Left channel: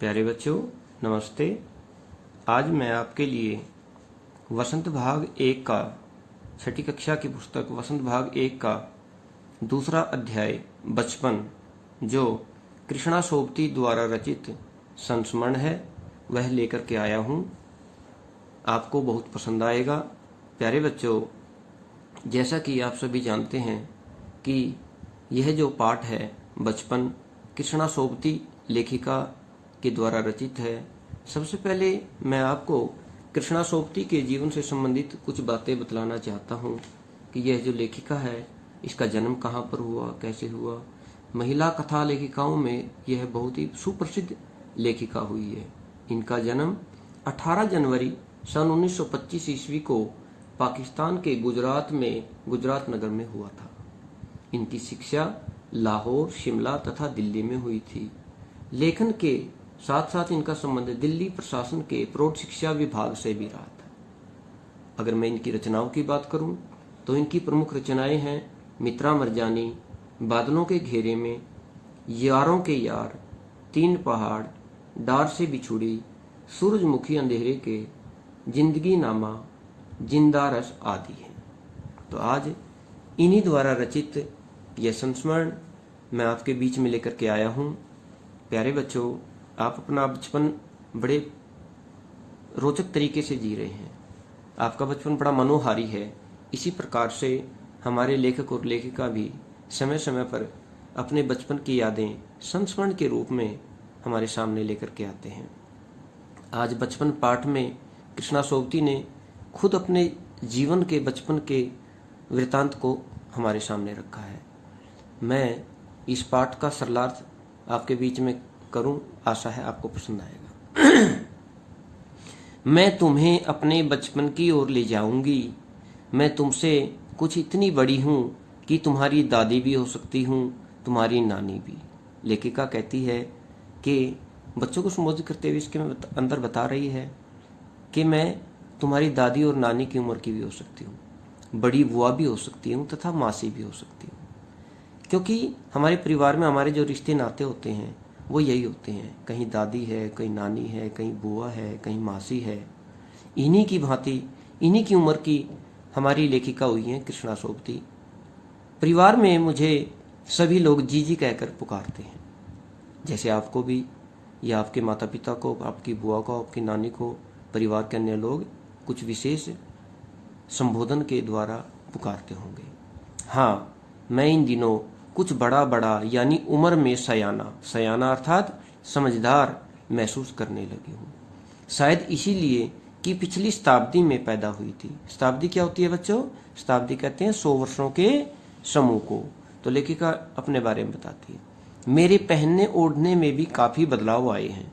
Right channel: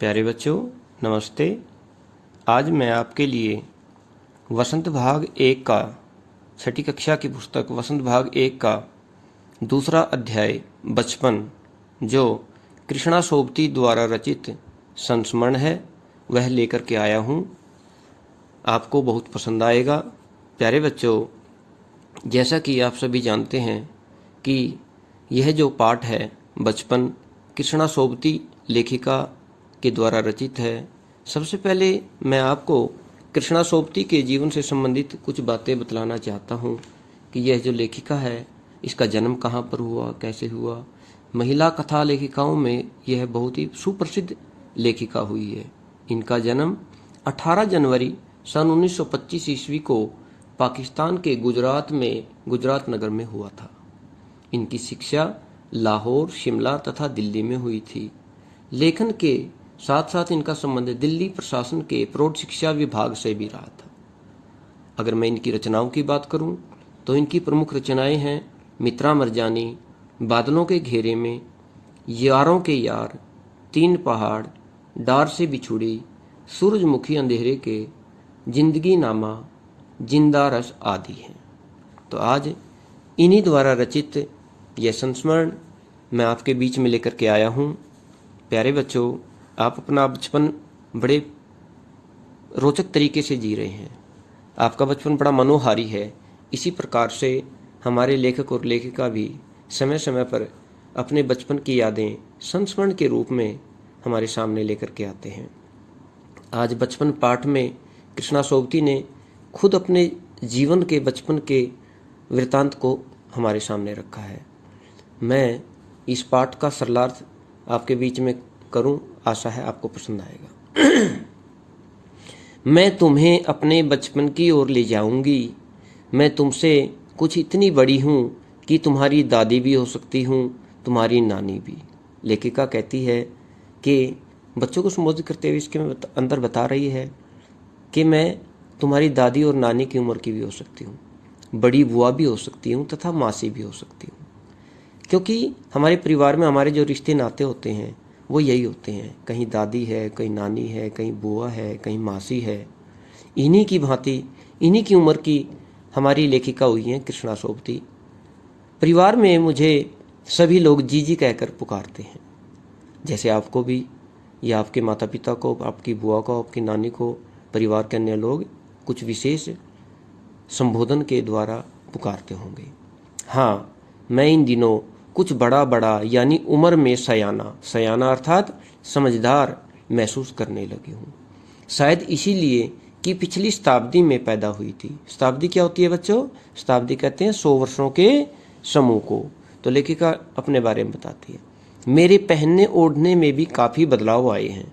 प्यारे बच्चों, नमस्ते। आज मैं आपके लिए वसंत भाग 1 का छठी कक्षा की पुस्तक वसंत भाग 1 का दूसरा अध्याय बचपन, जो कृष्णा सोबती द्वारा रचित संस्मरण है, वह लेकर के आया हूँ। आपको बहुत पसंद आएगा। प्यारे बच्चों, जैसा कि आप सभी जानते हैं कि यह जो पाठ है बचपन, कृष्णा सोबती लेखिका के द्वारा रचित है। सबसे पहले मैं आपको कृष्णा सोबती के जीवन से संबंधित कुछ बातें बतलाना चाहता हूँ कि यह जो लेखिका है, इसका जन्म कहाँ पर हुआ, कैसे हुआ। महिला कथा लेखिकाओं में यह बहुत ही सुप्रसिद्ध लेखिका हुई है। इनका जन्म 18 जनवरी सन 1925 ईस्वी को पाकिस्तान के गुजरात नगर में हुआ था। इनकी शिक्षा लाहौर, शिमला तथा दिल्ली में हुई थी। लेखन के साथ साथ इनका संबंध दिल्ली प्रशासन के प्रौढ़ शिक्षा विभाग से भी रहा था। अगर मैं इनकी रचनाओं की बात करूं तो इनकी प्रमुख रचनाएं हैं मित्रा मरजानी, बादलों के घेरे में, यारों के यार, तीन पहाड़, डार से बिछुड़ी, सूरजमुखी अंधेरे के, जिंदगी नामा, जिंदा रस आदि हैं। तो आज इन्हीं द्वारा रचित यह संस्मरण मैं आपके बीच में लेकर के आया हूँ। प्यारे बच्चों, आप अपना बचपन बड़े रोचक तरीके से जी रहे हैं। आपका बचपन बड़ा मनोहारी है। इसी प्रकार से हमारे लेखक और लेखिका भी समय समय पर अपने बचपन की यादें संस्मरण के रूप में हमारे सामने लेकर के आते हैं। आज बचपन पाठ में कृष्णा सोबती ने खुद अपने जीवन के बचपन के वृतांत को हमारे सामने रखा है। मैं इस पाठ का सरलार्थ आपके बीच में करूं, आशा है आपको पसंद आएगा। मैं तुम्हें अपने बचपन की ओर ले जाऊंगी। मैं तुमसे कुछ इतनी बड़ी हूं कि तुम्हारी दादी भी हो सकती हूं, तुम्हारी नानी भी। लेखिका कहती है कि बच्चों को संबोधित करते हुए इसके अंदर बता रही है कि मैं तुम्हारी दादी और नानी की उम्र की भी हो सकती हूँ, बड़ी बुआ भी हो सकती हूँ तथा मासी भी हो सकती हूँ। क्योंकि हमारे परिवार में हमारे जो रिश्ते नाते होते हैं वो यही होते हैं। कहीं दादी है, कहीं नानी है, कहीं बुआ है, कहीं मासी है। इन्हीं की भांति, इन्हीं की उम्र की हमारी लेखिका हुई हैं कृष्णा सोबती। परिवार में मुझे सभी लोग जीजी कहकर पुकारते हैं। जैसे आपको भी, या आपके माता पिता को, आपकी बुआ को, आपकी नानी को, परिवार के अन्य लोग कुछ विशेष संबोधन के द्वारा पुकारते होंगे। हाँ, मैं इन दिनों कुछ बड़ा यानी उम्र में सयाना अर्थात समझदार महसूस करने लगी हूँ। शायद इसीलिए कि पिछली शताब्दी में पैदा हुई थी। शताब्दी क्या होती है बच्चों? शताब्दी कहते हैं 100 वर्षों के समूह को। तो लेखिका अपने बारे में बताती है, मेरे पहनने ओढ़ने में भी काफ़ी बदलाव आए हैं।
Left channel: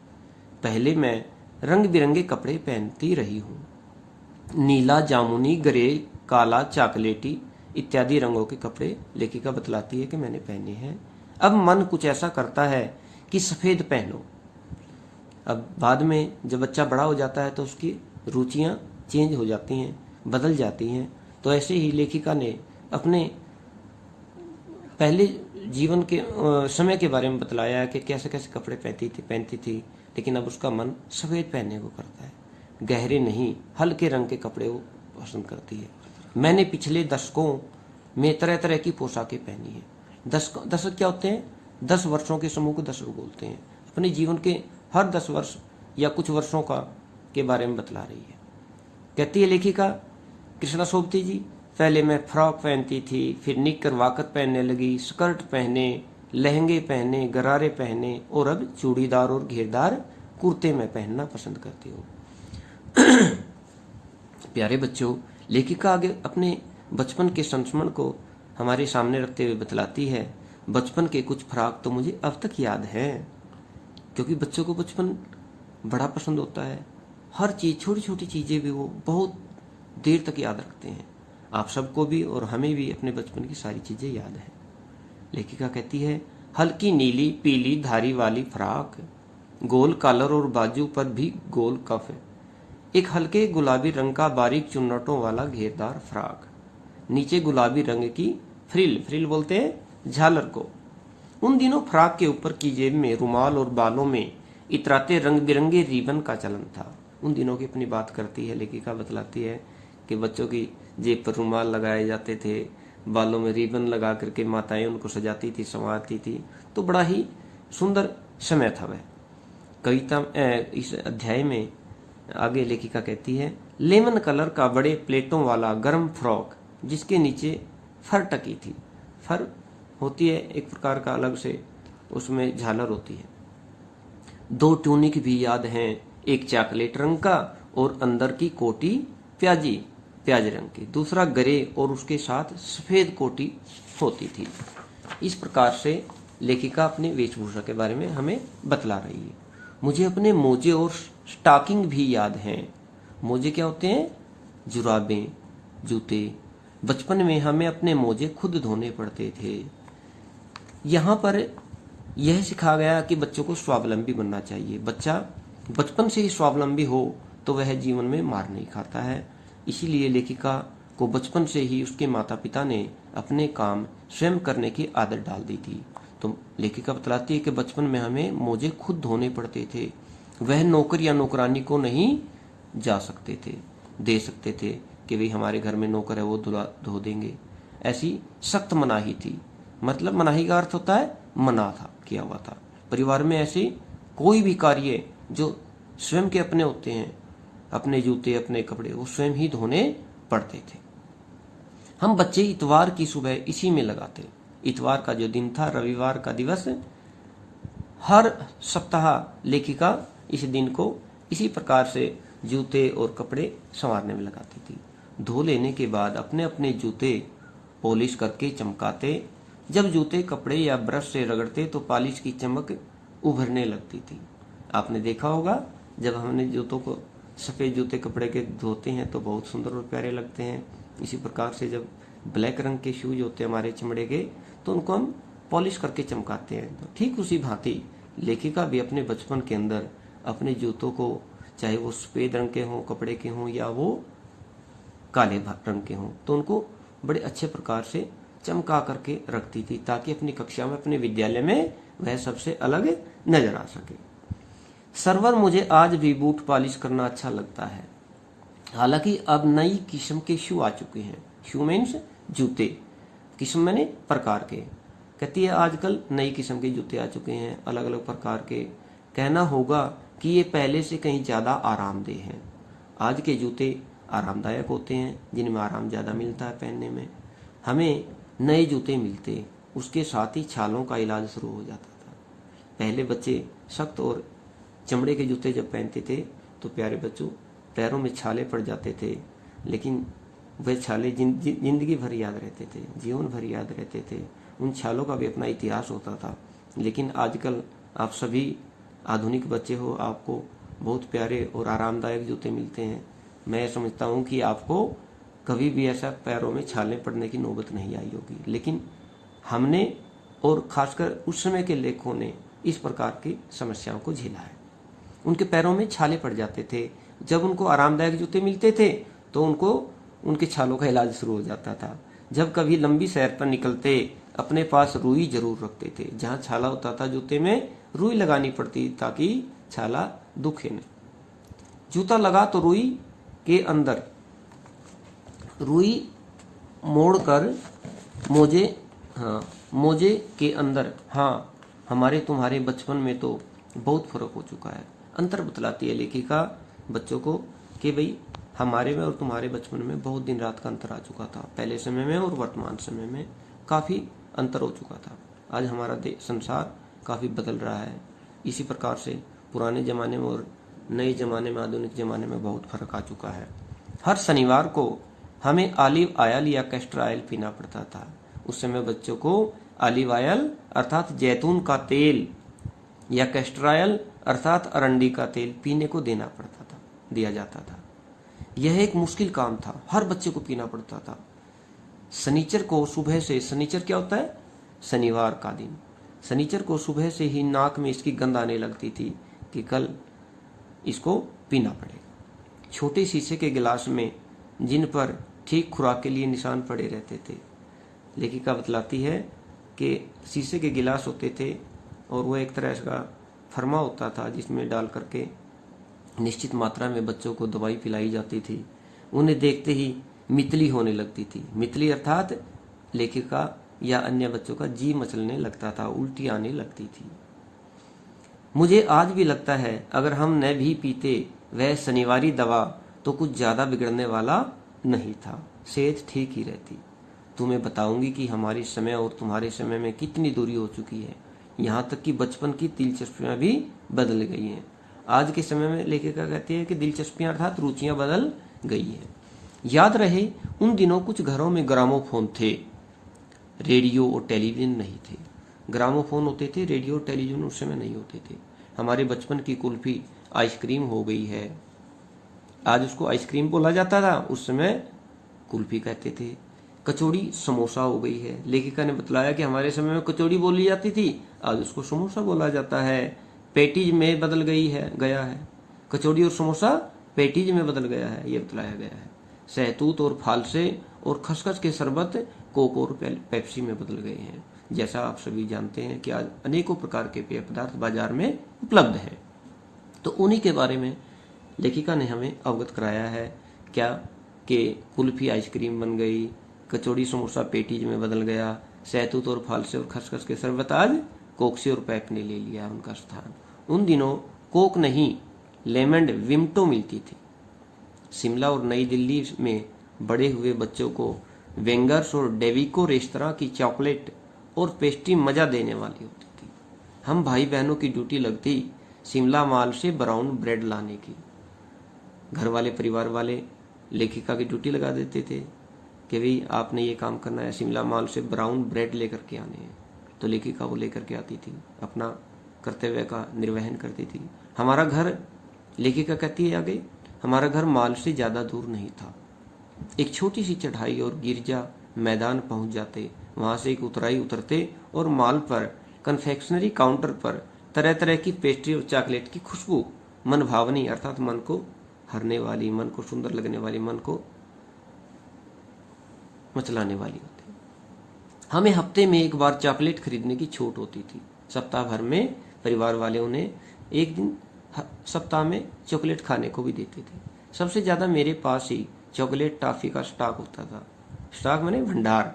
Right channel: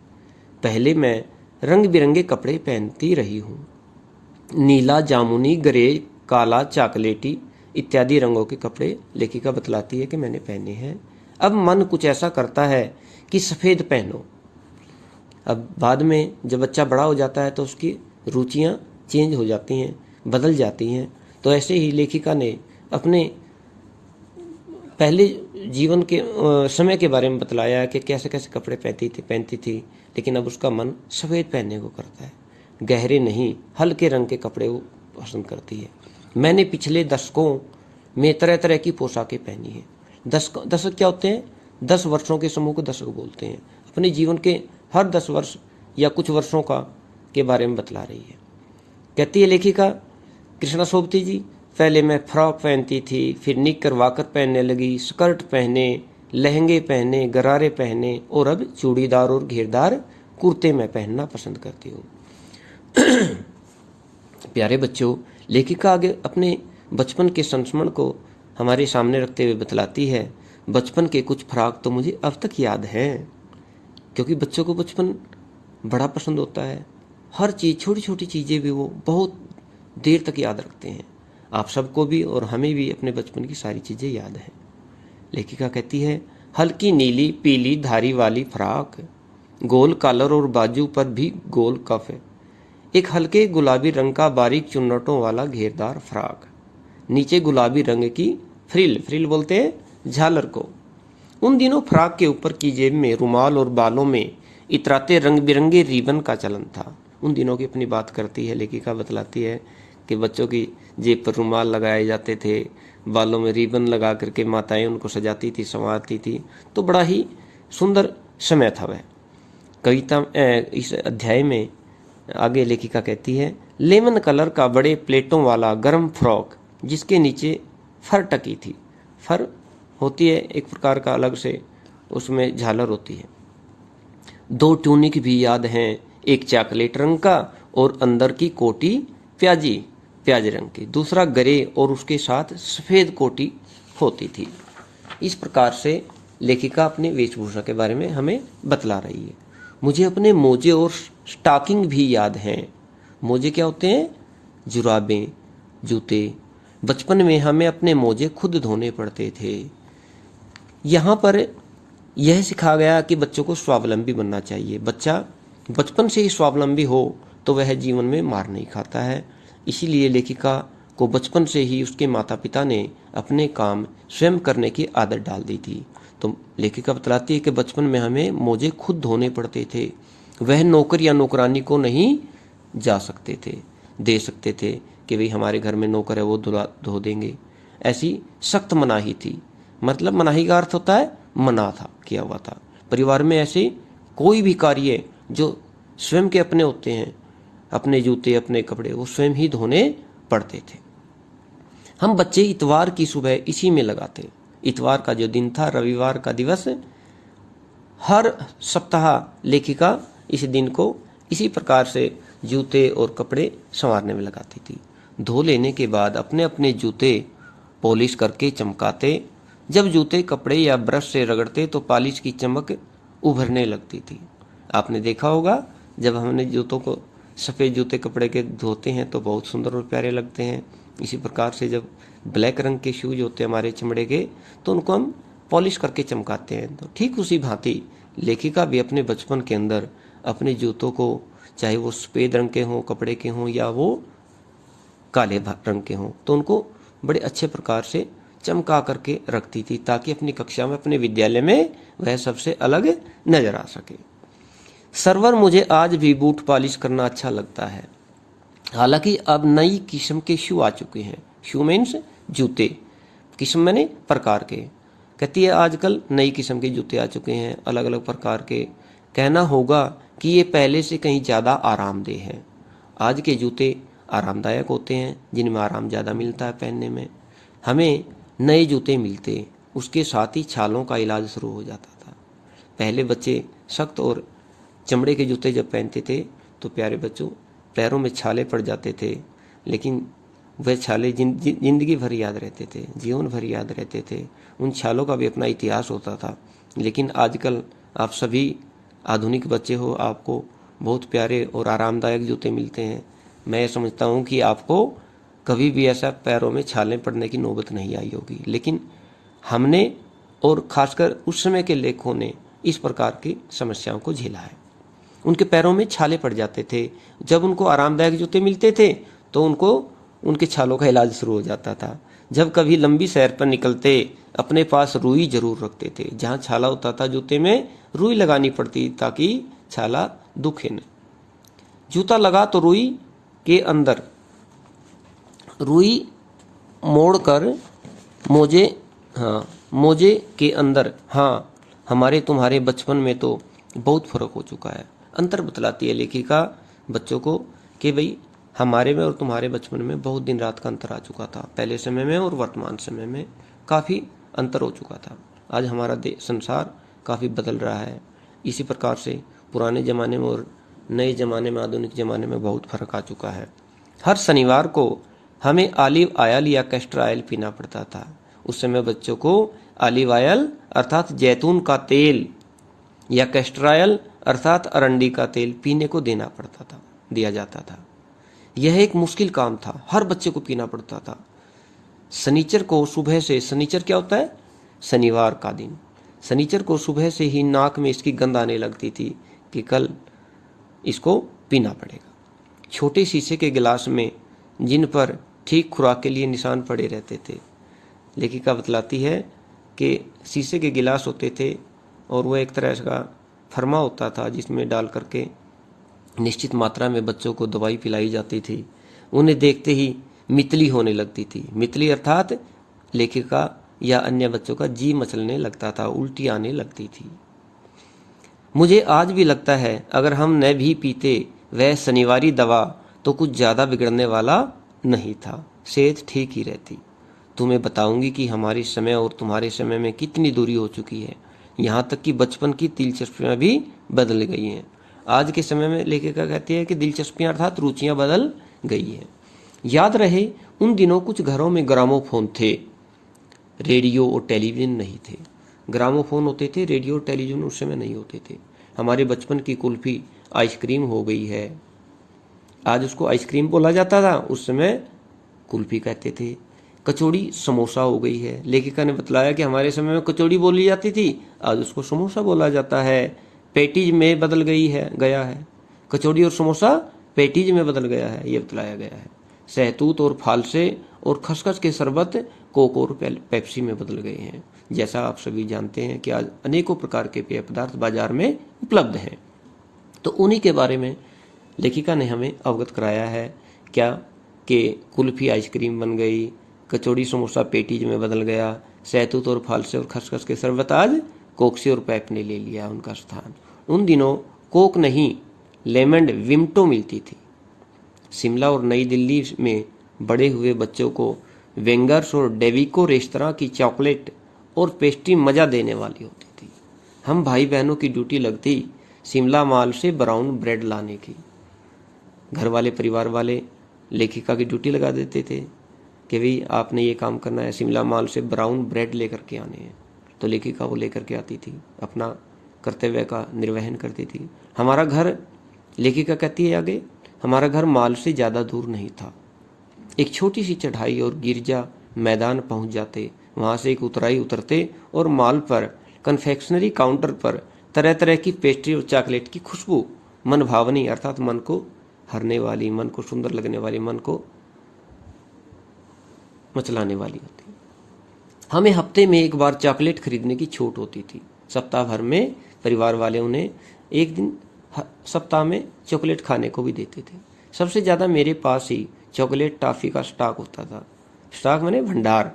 पहले मैं रंग बिरंगे कपड़े पहनती रही हूँ। नीला, जामुनी, ग्रे, काला, चॉकलेटी इत्यादि रंगों के कपड़े लेखिका बतलाती है कि मैंने पहने हैं। अब मन कुछ ऐसा करता है कि सफ़ेद पहनो। अब बाद में जब बच्चा बड़ा हो जाता है तो उसकी रुचियां चेंज हो जाती हैं, बदल जाती हैं। तो ऐसे ही लेखिका ने अपने पहले जीवन के समय के बारे में बतलाया कि कैसे कैसे कपड़े पहनती थी, लेकिन अब उसका मन सफ़ेद पहनने को करता है। गहरे नहीं, हल्के रंग के कपड़े वो पसंद करती है। मैंने पिछले दशकों में तरह तरह की पोशाकें पहनी हैं। दशक क्या होते हैं? 10 वर्षों के समूह को दशक बोलते हैं। अपने जीवन के हर 10 वर्ष या कुछ वर्षों का के बारे में बतला रही है। कहती है लेखिका कृष्णा सोबती जी, पहले मैं फ्रॉक पहनती थी, फिर निक्कर वाकर पहनने लगी, स्कर्ट पहने, लहंगे पहने, गरारे पहने, और अब चूड़ीदार और घेरदार कुर्ते में पहनना पसंद करती हूँ। प्यारे बच्चों, लेखिका आगे अपने बचपन के संस्मरण को हमारे सामने रखते हुए बतलाती है, बचपन के कुछ फ्राक तो मुझे अब तक याद हैं। क्योंकि बच्चों को बचपन बड़ा पसंद होता है। हर चीज़, छोटी छोटी चीज़ें भी वो बहुत देर तक याद रखते हैं। आप सबको भी और हमें भी अपने बचपन की सारी चीज़ें याद हैं। लेखिका कहती है, हल्की नीली पीली धारी वाली फ्राक, गोल कॉलर और बाजू पर भी गोल कफ, एक हल्के गुलाबी रंग का बारीक चुन्नटों वाला घेरदार फ्राक, नीचे गुलाबी रंग की फ्रिल बोलते हैं झालर को। उन दिनों फ्राक के ऊपर की जेब में रुमाल और बालों में इतराते रंग बिरंगे रिबन का चलन था। उन दिनों की अपनी बात करती है लेखिका, बतलाती है कि बच्चों की जेब पर रुमाल लगाए जाते थे, बालों में रिबन लगा करके माताएं उनको सजाती थी, संवारती थी। तो बड़ा ही सुंदर समय था वह। कविता इस अध्याय में आगे लेखिका कहती है, लेमन कलर का बड़े प्लेटों वाला गर्म फ्रॉक जिसके नीचे फर टकी थी। फर होती है एक प्रकार का अलग से, उसमें झालर होती है। 2 ट्यूनिक भी याद हैं, एक चॉकलेट रंग का और अंदर की कोटी प्याज रंग की, दूसरा ग्रे और उसके साथ सफ़ेद कोटी होती थी। इस प्रकार से लेखिका अपनी वेशभूषा के बारे में हमें बतला रही है। मुझे अपने मोजे और स्टॉकिंग भी याद हैं। मोजे क्या होते हैं? जुराबें, जूते। बचपन में हमें अपने मोजे खुद धोने पड़ते थे। यहाँ पर यह सिखाया गया कि बच्चों को स्वावलंबी बनना चाहिए। बच्चा बचपन से ही स्वावलंबी हो तो वह जीवन में मार नहीं खाता है। इसीलिए लेखिका को बचपन से ही उसके माता पिता ने अपने काम स्वयं करने की आदत डाल दी थी। तो लेखिका बतलाती है कि बचपन में हमें मोजे खुद धोने पड़ते थे। वह नौकर या नौकरानी को नहीं जा सकते थे, दे सकते थे कि भाई हमारे घर में नौकर है वो धो देंगे। ऐसी सख्त मनाही थी। मतलब मनाही का अर्थ होता है मना था, किया हुआ था। परिवार में ऐसे कोई भी कार्य जो स्वयं के अपने होते हैं, अपने जूते अपने कपड़े वो स्वयं ही धोने पड़ते थे। हम बच्चे इतवार की सुबह इसी में लगाते। इतवार का जो दिन था, रविवार का दिवस, हर सप्ताह लेखिका इस दिन को इसी प्रकार से जूते और कपड़े संवारने में लगाती थी। धो लेने के बाद अपने अपने जूते पॉलिश करके चमकाते। जब जूते कपड़े या ब्रश से रगड़ते तो पॉलिश की चमक उभरने लगती थी। आपने देखा होगा जब हमने जूतों को, सफ़ेद जूते कपड़े के धोते हैं तो बहुत सुंदर और प्यारे लगते हैं। इसी प्रकार से जब ब्लैक रंग के शूज होते हैं हमारे चमड़े के, तो उनको हम पॉलिश करके चमकाते हैं। तो ठीक उसी भांति लेखिका भी अपने बचपन के अंदर अपने जूतों को, चाहे वो सफ़ेद रंग के हों कपड़े के हों या वो काले रंग के हों, तो उनको बड़े अच्छे प्रकार से चमका करके रखती थी ताकि अपनी कक्षा में, अपने विद्यालय में वह सबसे अलग नजर आ सके। सर्वर, मुझे आज भी बूट पॉलिश करना अच्छा लगता है। हालांकि अब नई किस्म के शू आ चुके हैं। शू मीन्स जूते, किस्म मैंने प्रकार के। कहती है आजकल नई किस्म के जूते आ चुके हैं, अलग अलग प्रकार के। कहना होगा कि ये पहले से कहीं ज़्यादा आरामदेह है। आज के जूते आरामदायक होते हैं, जिनमें आराम ज़्यादा मिलता है पहनने में। हमें नए जूते मिलते, उसके साथ ही छालों का इलाज शुरू हो जाता था। पहले बच्चे सख्त और चमड़े के जूते जब पहनते थे तो प्यारे बच्चों पैरों में छाले पड़ जाते थे, लेकिन वह छाले जिंदगी भर याद रहते थे, जीवन भर याद रहते थे। उन छालों का भी अपना इतिहास होता था। लेकिन आजकल आप सभी आधुनिक बच्चे हो, आपको बहुत प्यारे और आरामदायक जूते मिलते हैं। मैं समझता हूँ कि आपको कभी भी ऐसा पैरों में छाले पड़ने की नौबत नहीं आई होगी। लेकिन हमने और खासकर उस समय के लेखकों ने इस प्रकार की समस्याओं को झेला है। उनके पैरों में छाले पड़ जाते थे। जब उनको आरामदायक जूते मिलते थे तो उनको उनके छालों का इलाज शुरू हो जाता था। जब कभी लंबी सैर पर निकलते अपने पास रुई जरूर रखते थे। जहाँ छाला होता था जूते में रुई लगानी पड़ती ताकि छाला दुखे न। जूता लगा तो रुई के अंदर रुई मोड़कर मोजे के अंदर। हाँ, हमारे तुम्हारे बचपन में तो बहुत फर्क हो चुका है। अंतर बतलाती है लेखिका बच्चों को कि भाई हमारे में और तुम्हारे बचपन में बहुत दिन रात का अंतर आ चुका था। पहले समय में और वर्तमान समय में काफ़ी अंतर हो चुका था। आज हमारा संसार काफ़ी बदल रहा है। इसी प्रकार से पुराने ज़माने में और नए ज़माने में, आधुनिक ज़माने में बहुत फर्क आ चुका है। हर शनिवार को हमें ऑलिव ऑयल या कैस्टर ऑयल पीना पड़ता था। उस समय बच्चों को ऑलिव ऑयल अर्थात जैतून का तेल या कैस्टर ऑयल अर्थात अरंडी का तेल पीने को दिया जाता था। यह एक मुश्किल काम था, हर बच्चे को पीना पड़ता था। शनिचर को सुबह से, शनिचर क्या होता है? शनिवार का दिन। शनिचर को सुबह से ही नाक में इसकी गंध आने लगती थी कि कल इसको पीना पड़ेगा। छोटे शीशे के गिलास में जिन पर ठीक खुराक के लिए निशान पड़े रहते थे। लेखिका बतलाती है कि शीशे के गिलास होते थे और वह एक तरह का फर्मा होता था जिसमें डाल करके निश्चित मात्रा में बच्चों को दवाई पिलाई जाती थी, उन्हें देखते ही मितली होने लगती थी। मितली अर्थात लेखिका या अन्य बच्चों का जी मचलने लगता था, उल्टी आने लगती थी। मुझे आज भी लगता है अगर हम न भी पीते वह शनिवारी दवा तो कुछ ज़्यादा बिगड़ने वाला नहीं था, सेहत ठीक ही रहती। तुम्हें बताऊंगी कि हमारे समय और तुम्हारे समय में कितनी दूरी हो चुकी है, यहाँ तक कि बचपन की दिलचस्पियाँ भी बदल गई हैं। आज के समय में लेखिका कहती है कि दिलचस्पियाँ अर्थात रुचियाँ बदल गई हैं। याद रहे उन दिनों कुछ घरों में ग्रामोफोन थे, रेडियो और टेलीविज़न नहीं थे। ग्रामोफोन होते थे, रेडियो और टेलीविज़न उस समय नहीं होते थे। हमारे बचपन की कुल्फ़ी आइसक्रीम हो गई है, आज उसको आइसक्रीम बोला जाता था, उस समय कुल्फ़ी कहते थे। कचौड़ी समोसा हो गई है, लेखिका ने बतलाया कि हमारे समय में कचौड़ी बोली जाती थी, आज उसको समोसा बोला जाता है। पैटीज में बदल गया है, कचौड़ी और समोसा पैटीज में बदल गया है, ये बतलाया गया है। सहतूत और फालसे और खसखस के शरबत कोक और पेप्सी में बदल गए हैं। जैसा आप सभी जानते हैं कि आज अनेकों प्रकार के पेय पदार्थ बाजार में उपलब्ध हैं, तो उन्हीं के बारे में लेखिका ने हमें अवगत कराया है। क्या कि कुल्फ़ी आइसक्रीम बन गई, कचौड़ी समोसा पेटीज में बदल गया, सहतूत और फालसे और खसखस के शरबत आज कोक और पैप ने ले लिया उनका स्थान। उन दिनों कोक नहीं, लेमंड विम्टो मिलती थी। शिमला और नई दिल्ली में बड़े हुए बच्चों को वेंगर्स और डेविको रेस्तरां की चॉकलेट और पेस्ट्री मज़ा देने वाली होती थी। हम भाई बहनों की ड्यूटी लगती शिमला मॉल से ब्राउन ब्रेड लाने की। घर वाले परिवार वाले लेखिका की ड्यूटी लगा देते थे कि भाई आपने ये काम करना है, शिमला मॉल से ब्राउन ब्रेड लेकर के आने हैं, तो लेखिका वो लेकर के आती थी, अपना कर्तव्य का निर्वहन करती थी। हमारा घर, लेखिका कहती है आगे, हमारा घर मॉल से ज़्यादा दूर नहीं था। एक छोटी सी चढ़ाई और गिरजा मैदान पहुंच जाते, वहाँ से एक उतराई उतरते और मॉल पर कन्फेक्शनरी काउंटर पर तरह तरह की पेस्ट्री और चॉकलेट की खुशबू मन भावनी अर्थात मन को हरने वाली, मन को सुंदर लगने वाली, मन को मचलाने वाली होती। हमें हफ्ते में एक बार चॉकलेट खरीदने की छूट होती थी। सप्ताह भर में परिवार वाले उन्हें एक दिन सप्ताह में चॉकलेट खाने को भी देते थे। सबसे ज़्यादा मेरे पास ही चॉकलेट टॉफ़ी का स्टॉक होता था। स्टॉक माने भंडार,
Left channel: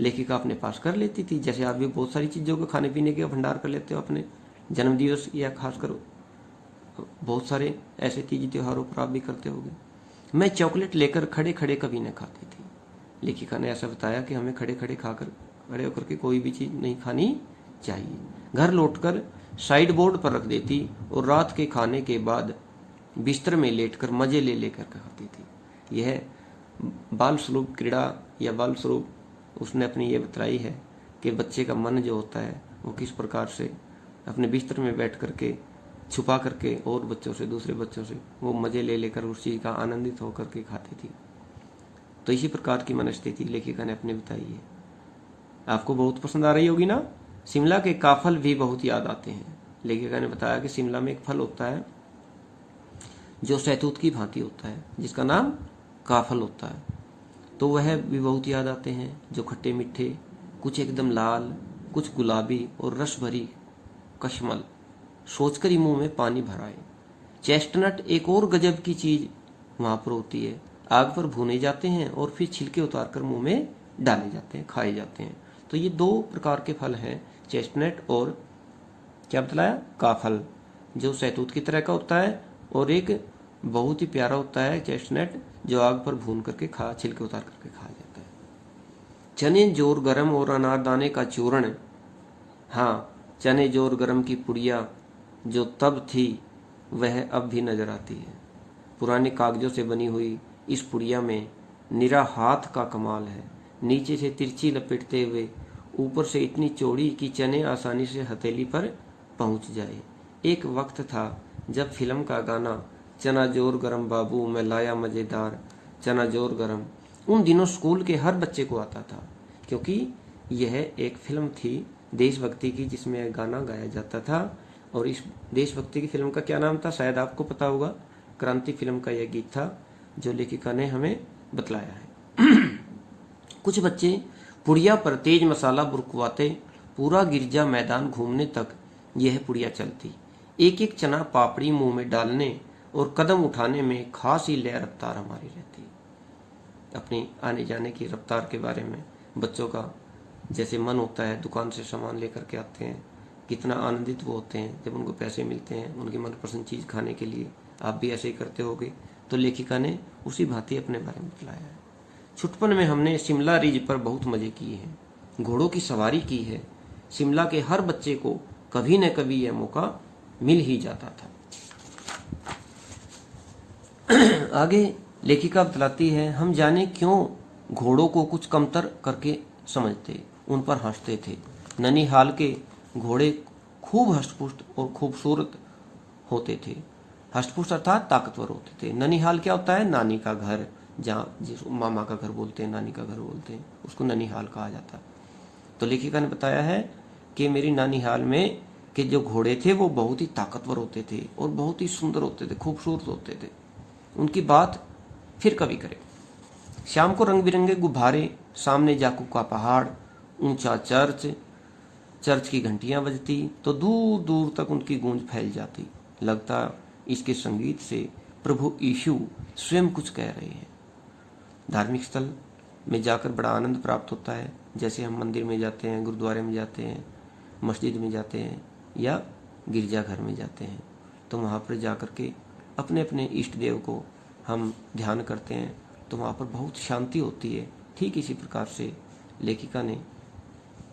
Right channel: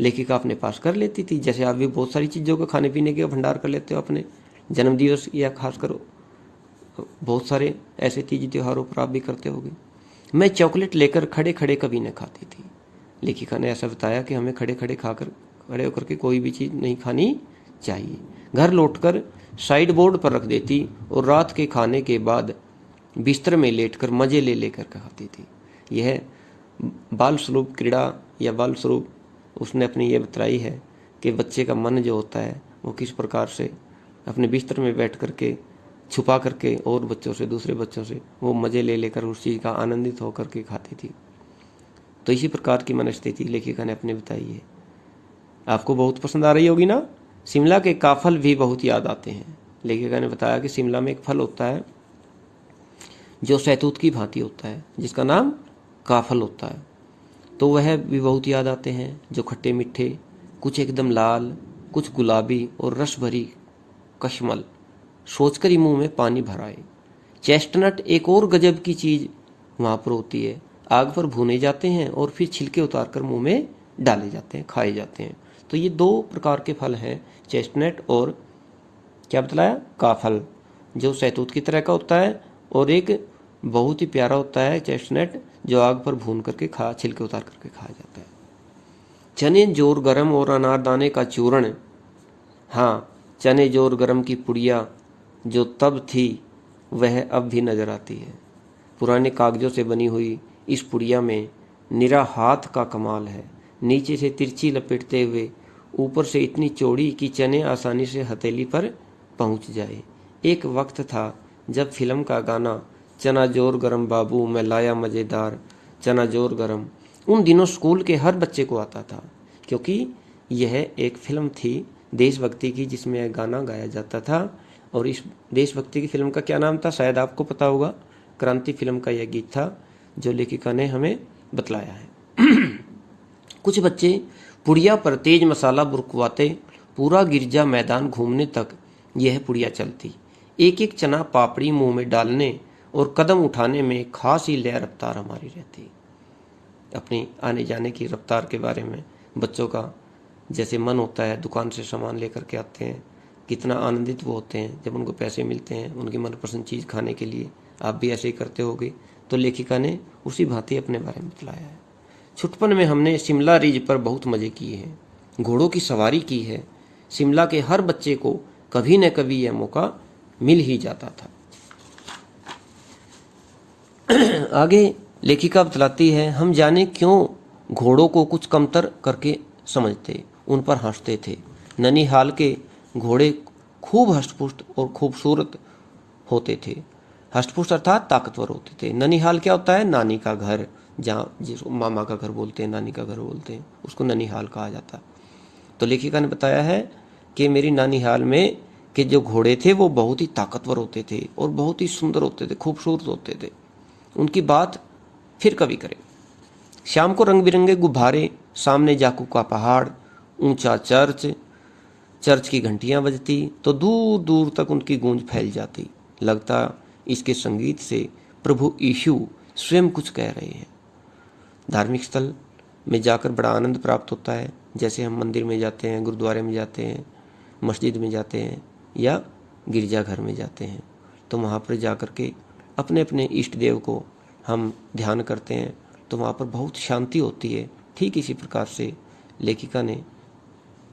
लेखिका अपने पास कर लेती थी। जैसे आप भी बहुत सारी चीज़ों को खाने पीने के भंडार कर लेते हो अपने जन्मदिवस या खासकर बहुत सारे ऐसे तीज त्योहारों पर आप भी करते होगे। मैं चॉकलेट लेकर खड़े खड़े कभी न खाती थी। लेखिका ने ऐसा बताया कि हमें खड़े होकर के कोई भी चीज़ नहीं खानी चाहिए। घर लौटकर साइड बोर्ड पर रख देती और रात के खाने के बाद बिस्तर में लेटकर मज़े ले लेकर खाती थी। यह बाल स्वरूप क्रीड़ा या बाल स्वरूप उसने अपनी ये बताई है कि बच्चे का मन जो होता है वो किस प्रकार से अपने बिस्तर में बैठ करके छुपा करके और बच्चों से, दूसरे बच्चों से वो मज़े ले लेकर उस चीज़ का आनंदित होकर के खाती थी। तो इसी प्रकार की मनस्थिति लेखिका ने अपने बताई है। आपको बहुत पसंद आ रही होगी ना। शिमला के काफल भी बहुत याद आते हैं। लेखिका ने बताया कि शिमला में एक फल होता है जो सहतूत की भांति होता है, जिसका नाम काफल होता है, तो वह भी बहुत याद आते हैं, जो खट्टे मीठे, कुछ एकदम लाल, कुछ गुलाबी और रस भरी कशमल, सोचकर ही मुंह में पानी भर आए। चेस्टनट एक और गजब की चीज़ वहाँ पर होती है। आग पर भुने जाते हैं और फिर छिलके उतारकर मुंह में डाले जाते हैं, खाए जाते हैं। तो ये दो प्रकार के फल हैं, चेस्टनट और क्या बतलाया, काफल, जो सहतूत की तरह का होता है, और एक बहुत ही प्यारा होता है चेस्टनट जो आग पर भून करके छिलके उतार करके खाया जाता है। चने जोर गरम और अनारदाने का चूर्ण, हाँ, चने जोर गरम की पुड़िया जो तब थी वह अब भी नजर आती है। पुराने कागजों से बनी हुई इस पुड़िया में निरा हाथ का कमाल है। नीचे से तिरछी लपेटते हुए, ऊपर से इतनी चौड़ी कि चने आसानी से हथेली पर पहुंच जाए। एक वक्त था जब फिल्म का गाना चना जोर गरम बाबू मैं लाया मज़ेदार चना जोर गरम उन दिनों स्कूल के हर बच्चे को आता था, क्योंकि यह एक फिल्म थी देशभक्ति की जिसमें गाना गाया जाता था। और इस देशभक्ति की फिल्म का क्या नाम था, शायद आपको पता होगा, क्रांति फिल्म का यह गीत था जो लेखिका ने हमें बतलाया है। कुछ बच्चे पुड़िया पर तेज मसाला बुरकवाते पूरा गिरजा मैदान घूमने तक यह पुड़िया चलती। एक एक चना पापड़ी मुंह में डालने और कदम उठाने में खास ही लय रफ्तार हमारी रहती। अपनी आने जाने की रफ्तार के बारे में बच्चों का जैसे मन होता है, दुकान से सामान लेकर के आते हैं, कितना आनंदित वो होते हैं जब उनको पैसे मिलते हैं उनकी मनपसंद चीज़ खाने के लिए। आप भी ऐसे ही करते होगे। तो लेखिका ने उसी भांति अपने बारे में बताया है। छुटपन में हमने शिमला रिज पर बहुत मज़े किए हैं, घोड़ों की सवारी की है। शिमला के हर बच्चे को कभी न कभी यह मौका मिल ही जाता था। आगे लेखिका बतलाती है, हम जाने क्यों घोड़ों को कुछ कमतर करके समझते, उन पर हंसते थे। ननिहाल के घोड़े खूब हष्टपुष्ट और खूबसूरत होते थे। हष्टपुष्ट अर्थात ताकतवर होते थे। ननिहाल क्या होता है? नानी का घर, जहाँ जिसको मामा का घर बोलते हैं, नानी का घर बोलते हैं, उसको ननिहाल कहा जाता। तो लेखिका ने बताया है कि मेरी नानिहाल में के जो घोड़े थे वो बहुत ही ताकतवर होते थे और बहुत ही सुंदर होते थे, खूबसूरत होते थे। उनकी बात फिर कभी करें। शाम को रंग बिरंगे गुब्बारे, सामने जाकू का पहाड़, ऊंचा चर्च की घंटियां बजती तो दूर दूर तक उनकी गूंज फैल जाती। लगता इसके संगीत से प्रभु यीशु स्वयं कुछ कह रहे हैं। धार्मिक स्थल में जाकर बड़ा आनंद प्राप्त होता है। जैसे हम मंदिर में जाते हैं, गुरुद्वारे में जाते हैं, मस्जिद में जाते हैं या गिरजाघर में जाते हैं, तो वहाँ पर जाकर के अपने अपने इष्ट देव को हम ध्यान करते हैं तो वहाँ पर बहुत शांति होती है। ठीक इसी प्रकार से लेखिका ने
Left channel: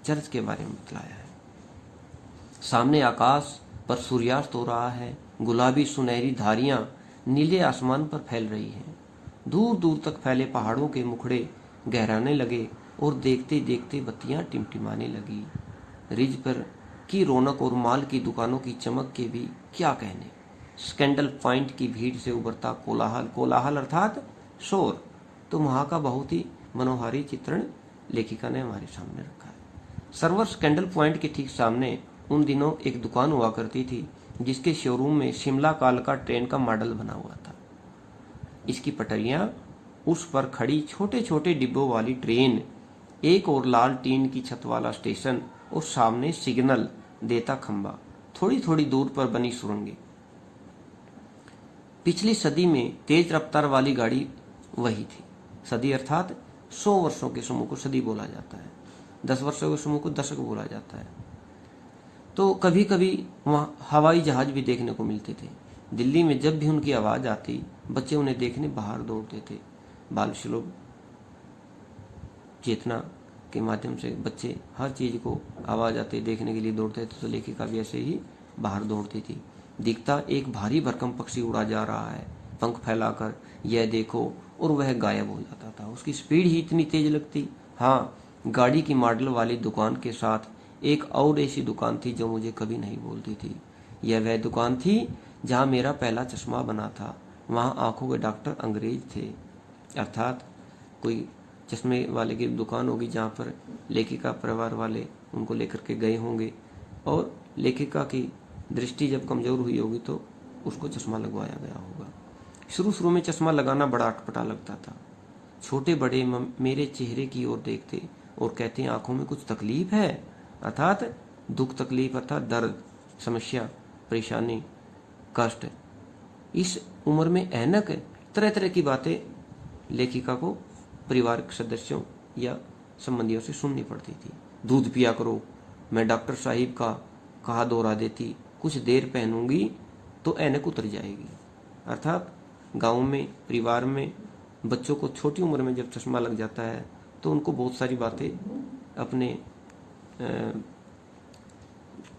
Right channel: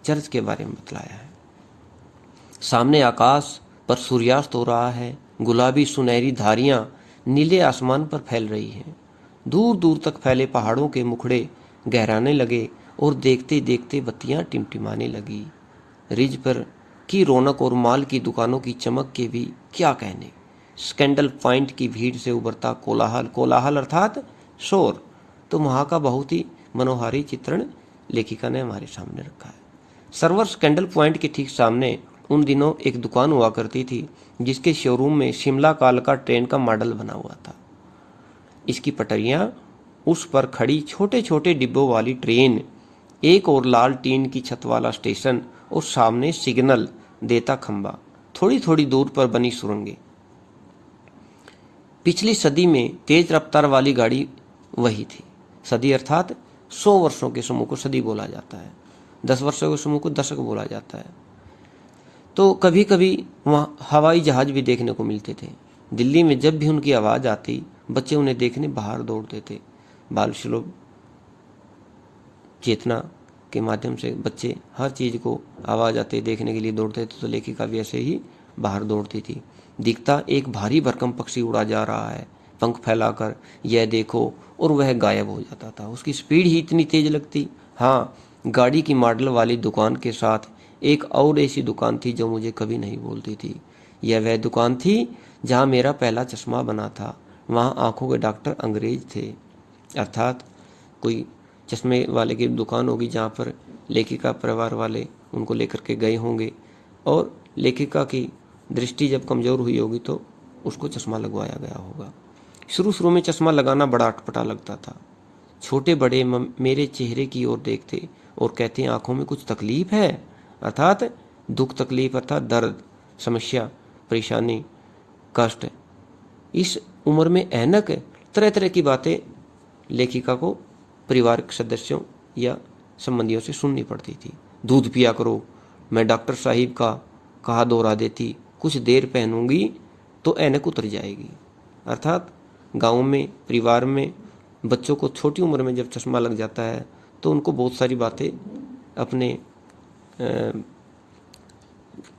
चर्च के बारे में बतलाया है। सामने आकाश पर सूर्यास्त हो रहा है, गुलाबी सुनहरी धारियां नीले आसमान पर फैल रही हैं। दूर दूर तक फैले पहाड़ों के मुखड़े गहराने लगे और देखते देखते बत्तियां टिमटिमाने लगी। रिज पर की रौनक और माल की दुकानों की चमक के भी क्या कहने। स्कैंडल पॉइंट की भीड़ से उभरता कोलाहल, कोलाहल अर्थात शोर, तो वहाँ का बहुत ही मनोहारी चित्रण लेखिका ने हमारे सामने रखा है। सर्वर स्कैंडल पॉइंट के ठीक सामने उन दिनों एक दुकान हुआ करती थी जिसके शोरूम में शिमला कालका ट्रेन का मॉडल बना हुआ था। इसकी पटरियां, उस पर खड़ी छोटे छोटे डिब्बों वाली ट्रेन, एक और लाल टीन की छत वाला स्टेशन और सामने सिग्नल देता खंबा, थोड़ी थोड़ी दूर पर बनी सुरंगें। पिछली सदी में तेज रफ्तार वाली गाड़ी वही थी। सदी अर्थात 100 वर्षों के समूह को सदी बोला जाता है, 10 वर्षों के समूह को दशक बोला जाता है। तो कभी कभी वहाँ हवाई जहाज भी देखने को मिलते थे। दिल्ली में जब भी उनकी आवाज़ आती, बच्चे उन्हें देखने बाहर दौड़ते थे। बाल सुलभ चेतना के माध्यम से बच्चे हर चीज़ को आवाज़ आते देखने के लिए दौड़ते थे, तो लेखिका भी ऐसे ही बाहर दौड़ती थी। दिखता एक भारी भरकम पक्षी उड़ा जा रहा है पंख फैलाकर, यह देखो, और वह गायब हो जाता था। उसकी स्पीड ही इतनी तेज लगती। हाँ, गाड़ी की मॉडल वाली दुकान के साथ एक और ऐसी दुकान थी जो मुझे कभी नहीं बोलती थी। यह वह दुकान थी जहाँ मेरा पहला चश्मा बना था। वहाँ आंखों के डॉक्टर अंग्रेज थे, अर्थात कोई चश्मे वाले की दुकान होगी जहाँ पर लेखिका परिवार वाले उनको लेकर के गए होंगे और लेखिका की दृष्टि जब कमज़ोर हुई होगी तो उसको चश्मा लगवाया गया होगा। शुरू शुरू में चश्मा लगाना बड़ा अटपटा लगता था। छोटे बड़े मेरे चेहरे की ओर देखते और कहते हैं आंखों में कुछ तकलीफ है, अर्थात दुख, तकलीफ अर्थात दर्द, समस्या, परेशानी, कष्ट। इस उम्र में ऐनक, तरह तरह की बातें लेखिका को परिवार के सदस्यों या संबंधियों से सुननी पड़ती थी। दूध पिया करो, मैं डॉक्टर साहिब का कहा दोहरा देती, कुछ देर पहनूंगी तो ऐनक उतर जाएगी। अर्थात गाँव में, परिवार में बच्चों को छोटी उम्र में जब चश्मा लग जाता है तो उनको बहुत सारी बातें अपने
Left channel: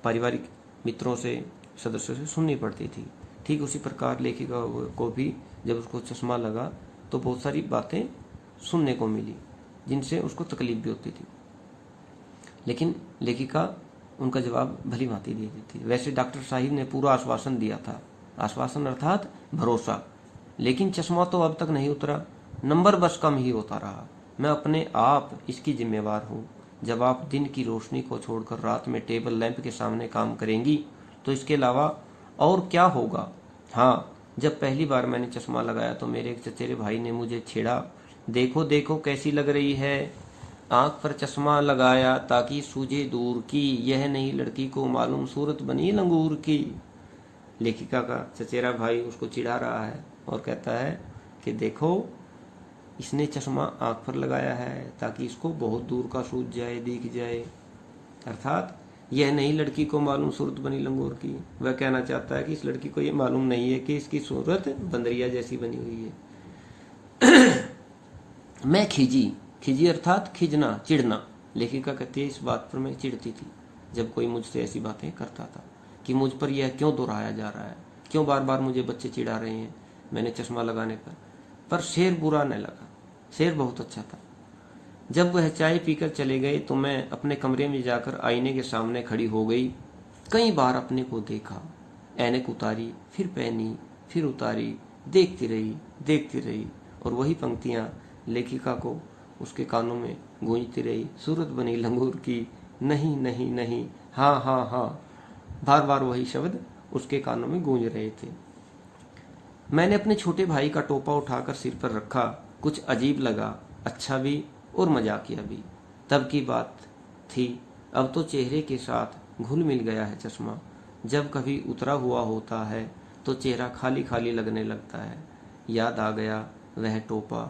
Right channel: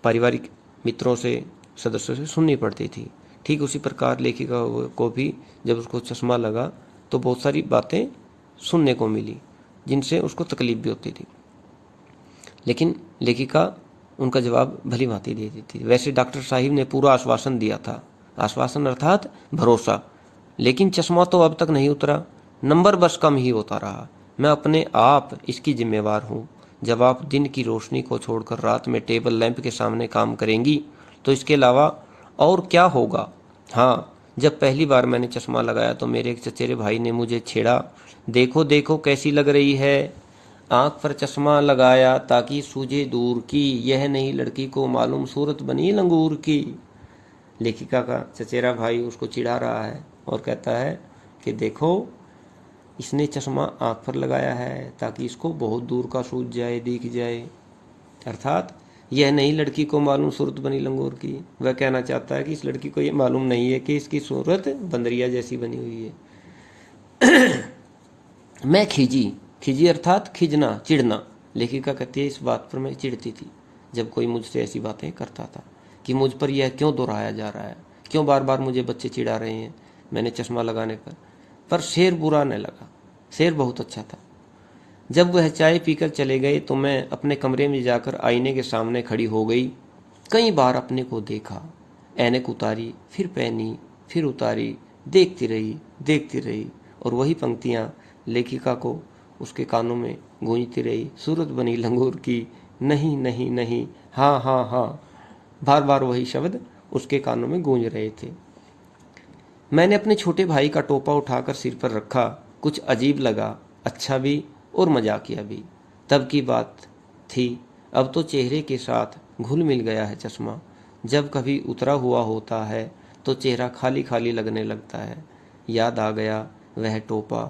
पारिवारिक मित्रों से, सदस्यों से सुननी पड़ती थी। ठीक उसी प्रकार लेखिका को भी जब उसको चश्मा लगा तो बहुत सारी बातें सुनने को मिली जिनसे उसको तकलीफ भी होती थी, लेकिन लेखिका उनका जवाब भली भांति दे देती थी। वैसे डॉक्टर साहिब ने पूरा आश्वासन दिया था, आश्वासन अर्थात भरोसा, लेकिन चश्मा तो अब तक नहीं उतरा, नंबर बस कम ही होता रहा। मैं अपने आप इसकी जिम्मेवार हूँ। जब आप दिन की रोशनी को छोड़कर रात में टेबल लैंप के सामने काम करेंगी तो इसके अलावा और क्या होगा। हाँ, जब पहली बार मैंने चश्मा लगाया तो मेरे एक चचेरे भाई ने मुझे छेड़ा, देखो देखो कैसी लग रही है, आँख पर चश्मा लगाया ताकि सूझे दूर की, यह नहीं लड़की को मालूम सूरत बनी लंगूर की। लेखिका का चचेरा भाई उसको चिढ़ा रहा है और कहता है कि देखो, इसने चश्मा आँख पर लगाया है ताकि इसको बहुत दूर का सूझ जाए, दिख जाए। अर्थात यह नई लड़की को मालूम सूरत बनी लंगूर की। वह कहना चाहता है कि इस लड़की को ये मालूम नहीं है कि इसकी सूरत बंदरिया जैसी बनी हुई है। मैं खिजी, खिजी अर्थात खिजना, चिढ़ना। लेखिका कहती है इस बात पर मैं चिढ़ती थी जब कोई मुझसे ऐसी बातें करता था कि मुझ पर यह क्यों दोहराया जा रहा है, क्यों बार बार मुझे बच्चे चिढ़ा रहे हैं मैंने चश्मा लगाने पर शेर बुरा न लगा, शेर बहुत अच्छा था। जब वह चाय पीकर चले गए तो मैं अपने कमरे में जाकर आईने के सामने खड़ी हो गई। कई बार अपने को देखा, ऐनक उतारी, फिर पहनी, फिर उतारी, देखती रही और वही पंक्तियाँ लेखिका को उसके कानों में गूंजती रही। सूरत बनी लंगूर की, नहीं नहीं नहीं, हाँ हाँ हाँ, बार बार वही शब्द उसके कानों में गूंज रहे थे। मैंने अपने छोटे भाई का टोपा उठाकर सिर पर रखा। कुछ अजीब लगा, अच्छा भी और मजाकिया भी। तब की बात थी, अब तो चेहरे के साथ घुल मिल गया है चश्मा। जब कभी उतरा हुआ होता है तो चेहरा खाली खाली लगने लगता है। याद आ गया वह टोपा,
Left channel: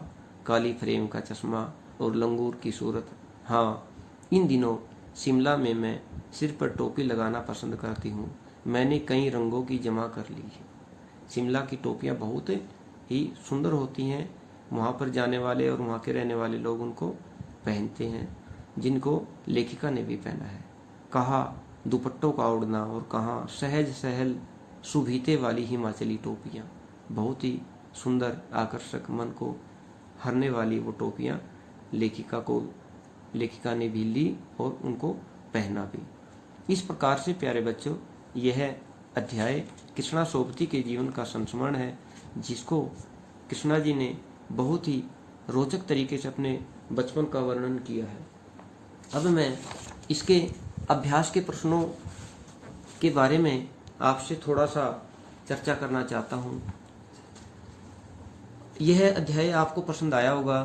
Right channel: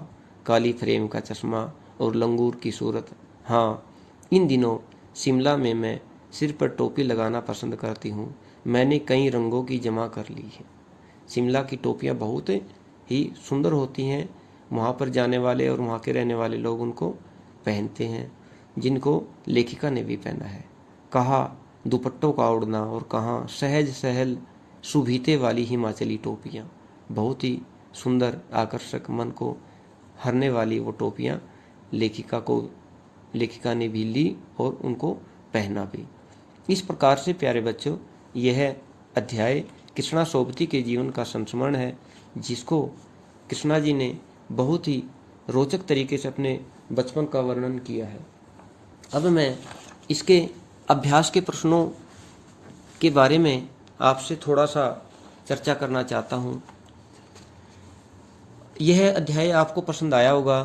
काली फ्रेम का चश्मा और लंगूर की सूरत। हाँ, इन दिनों शिमला में मैं सिर पर टोपी लगाना पसंद करती हूँ। मैंने कई रंगों की जमा कर ली है। शिमला की टोपियाँ बहुत ही सुंदर होती हैं। वहाँ पर जाने वाले और वहाँ के रहने वाले लोग उनको पहनते हैं, जिनको लेखिका ने भी पहना है। कहाँ दुपट्टों का उड़ना और कहाँ सहज सहल सुभीते वाली हिमाचली टोपियाँ। बहुत ही सुंदर, आकर्षक, मन को हरने वाली वो टोपियाँ लेखिका ने भी ली और उनको पहना भी। इस प्रकार से प्यारे बच्चों, यह अध्याय कृष्णा सोबती के जीवन का संस्मरण है, जिसको कृष्णा जी ने बहुत ही रोचक तरीके से अपने बचपन का वर्णन किया है। अब मैं इसके अभ्यास के प्रश्नों के बारे में आपसे थोड़ा सा चर्चा करना चाहता हूँ। यह अध्याय आपको पसंद आया होगा।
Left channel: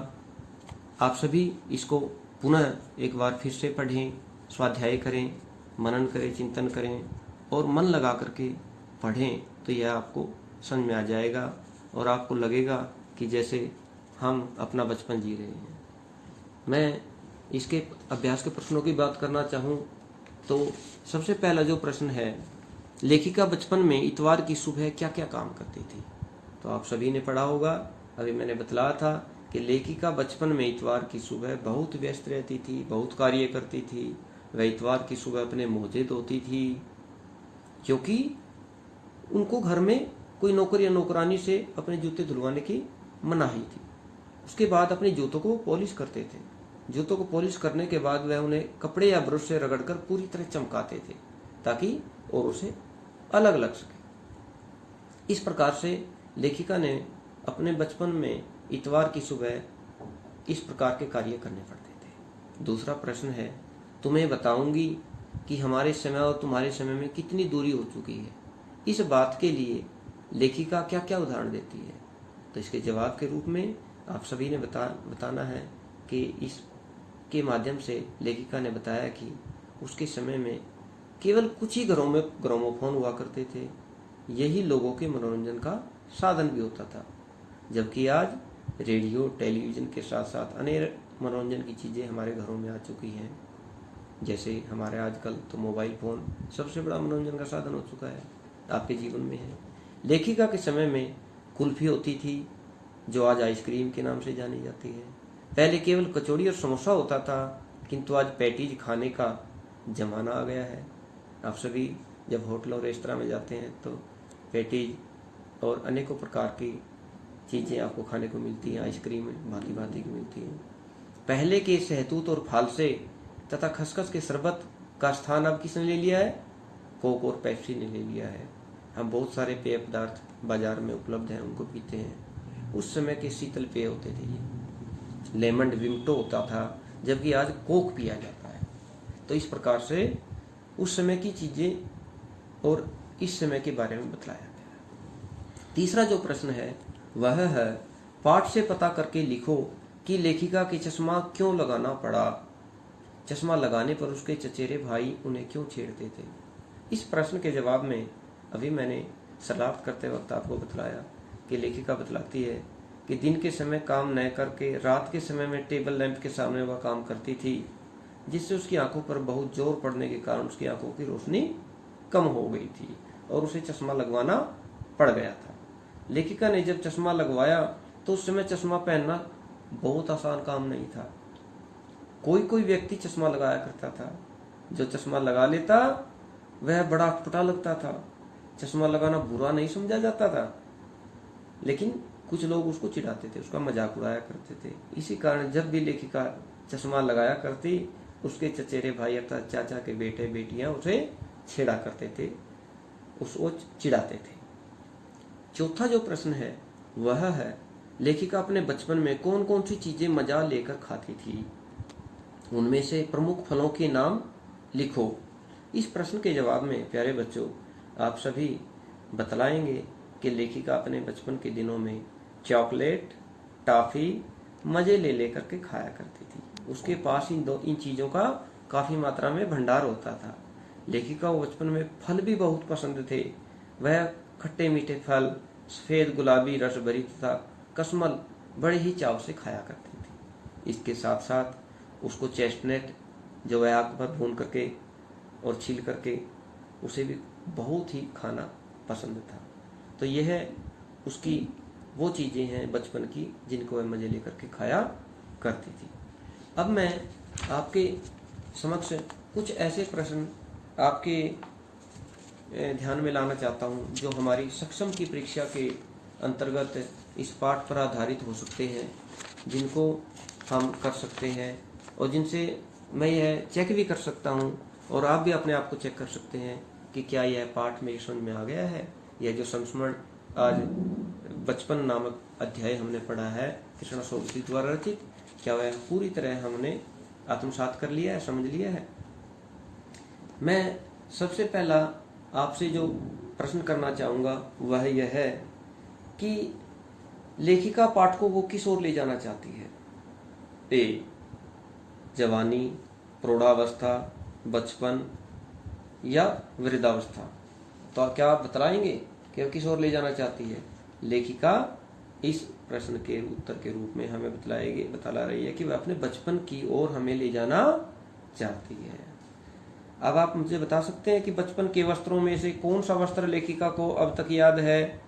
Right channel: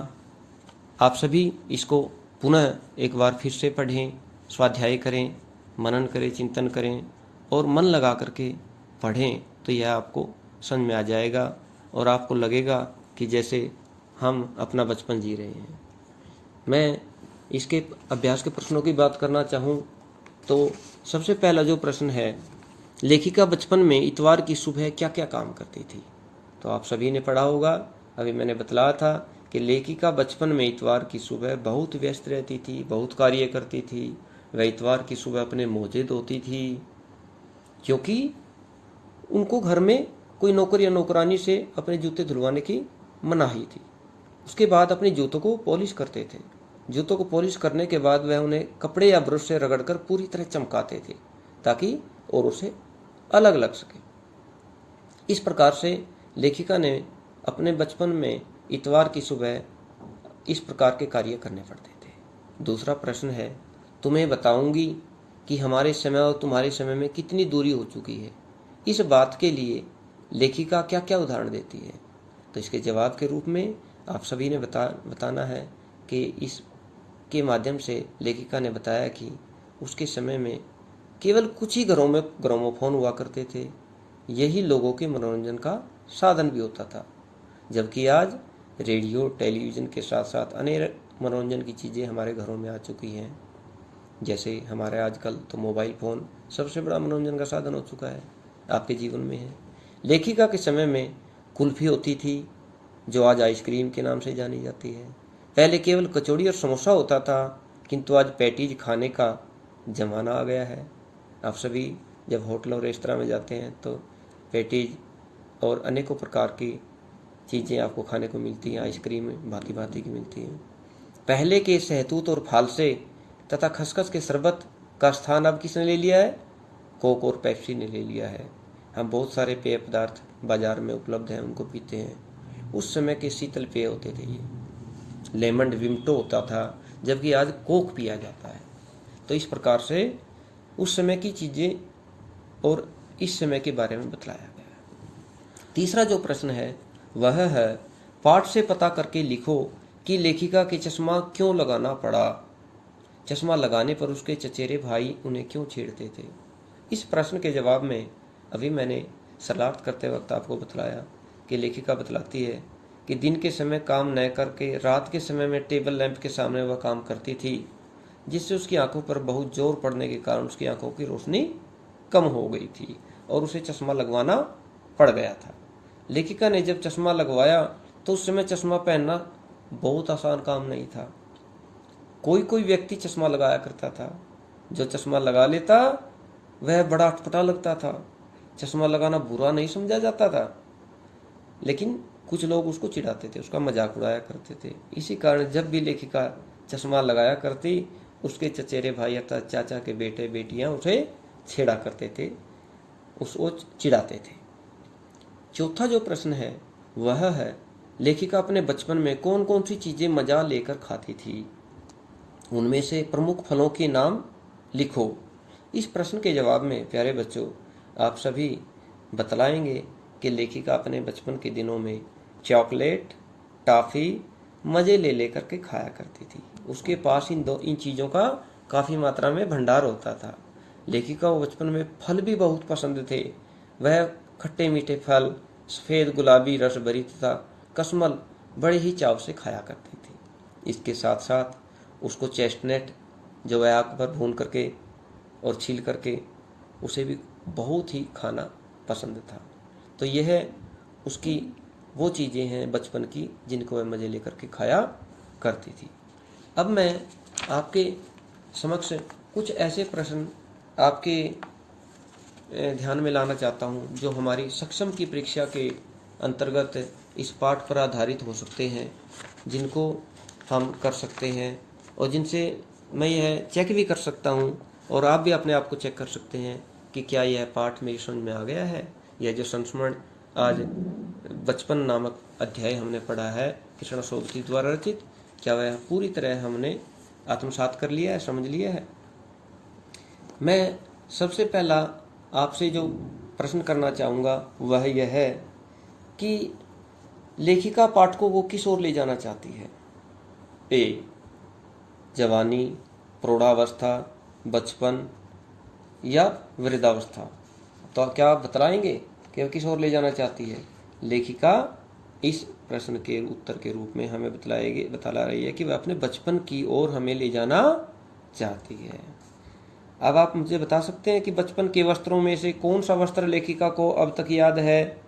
आप सभी इसको पुनः एक बार फिर से पढ़ें, स्वाध्याय करें, मनन करें, चिंतन करें और मन लगा करके पढ़ें तो यह आपको समझ में आ जाएगा और आपको लगेगा कि जैसे हम अपना बचपन जी रहे हैं। मैं इसके अभ्यास के प्रश्नों की बात करना चाहूँ तो सबसे पहला जो प्रश्न है, लेखिका बचपन में इतवार की सुबह क्या क्या काम करती थी? तो आप सभी ने पढ़ा होगा, अभी मैंने बतलाया था कि लेखिका बचपन में इतवार की सुबह बहुत व्यस्त रहती थी, बहुत कार्य करती थी। वह इतवार की सुबह अपने मोजे धोती थी, क्योंकि उनको घर में कोई नौकर या नौकरानी से अपने जूते धुलवाने की मनाही थी। उसके बाद अपने जूतों को पॉलिश करते थे। जूतों को पॉलिश करने के बाद वह उन्हें कपड़े या ब्रश से रगड़कर पूरी तरह चमकाते थे ताकि और उसे अलग लग सके। इस प्रकार से लेखिका ने अपने बचपन में इतवार की सुबह इस प्रकार के कार्य करने पड़ते थे। दूसरा प्रश्न है, तुम्हें बताऊंगी कि हमारे समय और तुम्हारे समय में कितनी दूरी हो चुकी है। इस बात के लिए लेखिका क्या क्या उदाहरण देती है? तो इसके जवाब के रूप में आप सभी ने बताना है कि इसके माध्यम से लेखिका ने बताया कि उसके समय में केवल कुछ ही घरों में ग्रामोफोन हुआ करते थे। यही लोगों के मनोरंजन का साधन भी होता था, जबकि आज रेडियो, टेलीविज़न के साथ साथ अनेक मनोरंजन की चीज़ें हमारे घरों में आ चुकी हैं। जैसे हमारे आजकल तो मोबाइल फ़ोन सबसे बड़ा मनोरंजन का साधन हो चुका है, आपके जीवन में है। लेखिका के समय में कुल्फ़ी होती थी, जो आज आइसक्रीम के नाम से जानी जाती है। पहले केवल कचौड़ी और समोसा होता था, किंतु आज पैटीज खाने का ज़माना आ गया है। आप सभी जब होटल और रेस्तरां में जाते हैं तो पैटीज और अनेकों प्रकार की चीज़ें आपको खाने को मिलती हैं। आइसक्रीम भांति भांति की मिलती हैं। पहले के सहतूत और फालसे तथा खसखस के शरबत का स्थान अब किसने ले लिया है? कोक और पेप्सी ने ले लिया है। हम बहुत सारे पेय पदार्थ बाजार में उपलब्ध हैं, उनको पीते हैं। उस समय के शीतल पेय होते थे, ये लेमन विमटो होता था, जबकि आज कोक पिया जाता है। तो इस प्रकार से उस समय की चीज़ें और इस समय के बारे में बतलाया गया। तीसरा जो प्रश्न है वह है, पाठ से पता करके लिखो कि लेखिका के चश्मा क्यों लगाना पड़ा। चश्मा लगाने पर उसके चचेरे भाई उन्हें क्यों छेड़ते थे? इस प्रश्न के जवाब में अभी मैंने शरारत करते वक्त आपको बतलाया कि लेखिका बतलाती है कि दिन के समय काम न करके रात के समय में टेबल लैंप के सामने वह काम करती थी, जिससे उसकी आंखों पर बहुत जोर पड़ने के कारण उसकी आंखों की रोशनी कम हो गई थी और उसे चश्मा लगवाना पड़ गया था। लेखिका ने जब चश्मा लगवाया तो उस समय चश्मा पहनना बहुत आसान काम नहीं था। कोई कोई व्यक्ति चश्मा लगाया करता था, जो चश्मा लगा लेता वह बड़ा अटपटा लगता था। चश्मा लगाना बुरा नहीं समझा जाता था, लेकिन कुछ लोग उसको चिढ़ाते थे, उसका मजाक उड़ाया करते थे। इसी कारण जब भी लेखिका चश्मा लगाया करती, उसके चचेरे भाई अर्थात चाचा के बेटे बेटियां उसे छेड़ा करते थे, उसको चिढ़ाते थे। चौथा जो प्रश्न है वह है, लेखिका अपने बचपन में कौन कौन सी चीजें मजा लेकर खाती थी, उनमें से प्रमुख फलों के नाम लिखो। इस प्रश्न के जवाब में प्यारे बच्चों आप सभी बतलाएंगे कि लेखिका अपने बचपन के दिनों में चॉकलेट, टॉफी मजे ले लेकर के खाया करती थी। उसके पास इन चीज़ों का काफ़ी मात्रा में भंडार होता था। लेखिका को बचपन में फल भी बहुत पसंद थे। वह खट्टे मीठे फल, सफ़ेद गुलाबी रस भरी तथा कस्मल बड़े ही चाव से खाया करती थी। इसके साथ साथ उसको चेस्टनट जो है आग पर भून करके और छील करके उसे भी बहुत ही खाना पसंद था। तो यह उसकी वो चीज़ें हैं बचपन की जिनको वह मज़े लेकर के खाया करती थी। अब मैं आपके समक्ष कुछ ऐसे प्रश्न आपके ध्यान में लाना चाहता हूँ जो हमारी सक्षम की परीक्षा के अंतर्गत इस पाठ पर आधारित हो सकते हैं, जिनको हम कर सकते हैं और जिनसे मैं यह चेक भी कर सकता हूँ और आप भी अपने आप को चेक कर सकते हैं कि क्या यह पाठ मेरी समझ में आ गया है। यह जो संस्मरण आज बचपन नामक अध्याय हमने पढ़ा है कृष्ण सोबती द्वारा रचित, क्या वह पूरी तरह हमने आत्मसात कर लिया है, समझ लिया है। मैं सबसे पहला आपसे जो प्रश्न करना चाहूँगा वह यह है कि लेखिका पाठकों को किस ओर ले जाना चाहती है। ए, जवानी, प्रौढ़ावस्था, बचपन या वृद्धावस्था। तो क्या आप बतलाएंगे कि वह किस ओर ले जाना चाहती है। लेखिका इस प्रश्न के उत्तर के रूप में हमें बतला रही है कि वह अपने बचपन की ओर हमें ले जाना चाहती है। अब आप मुझे बता सकते हैं कि बचपन के वस्त्रों में से कौन सा वस्त्र लेखिका को अब तक याद है।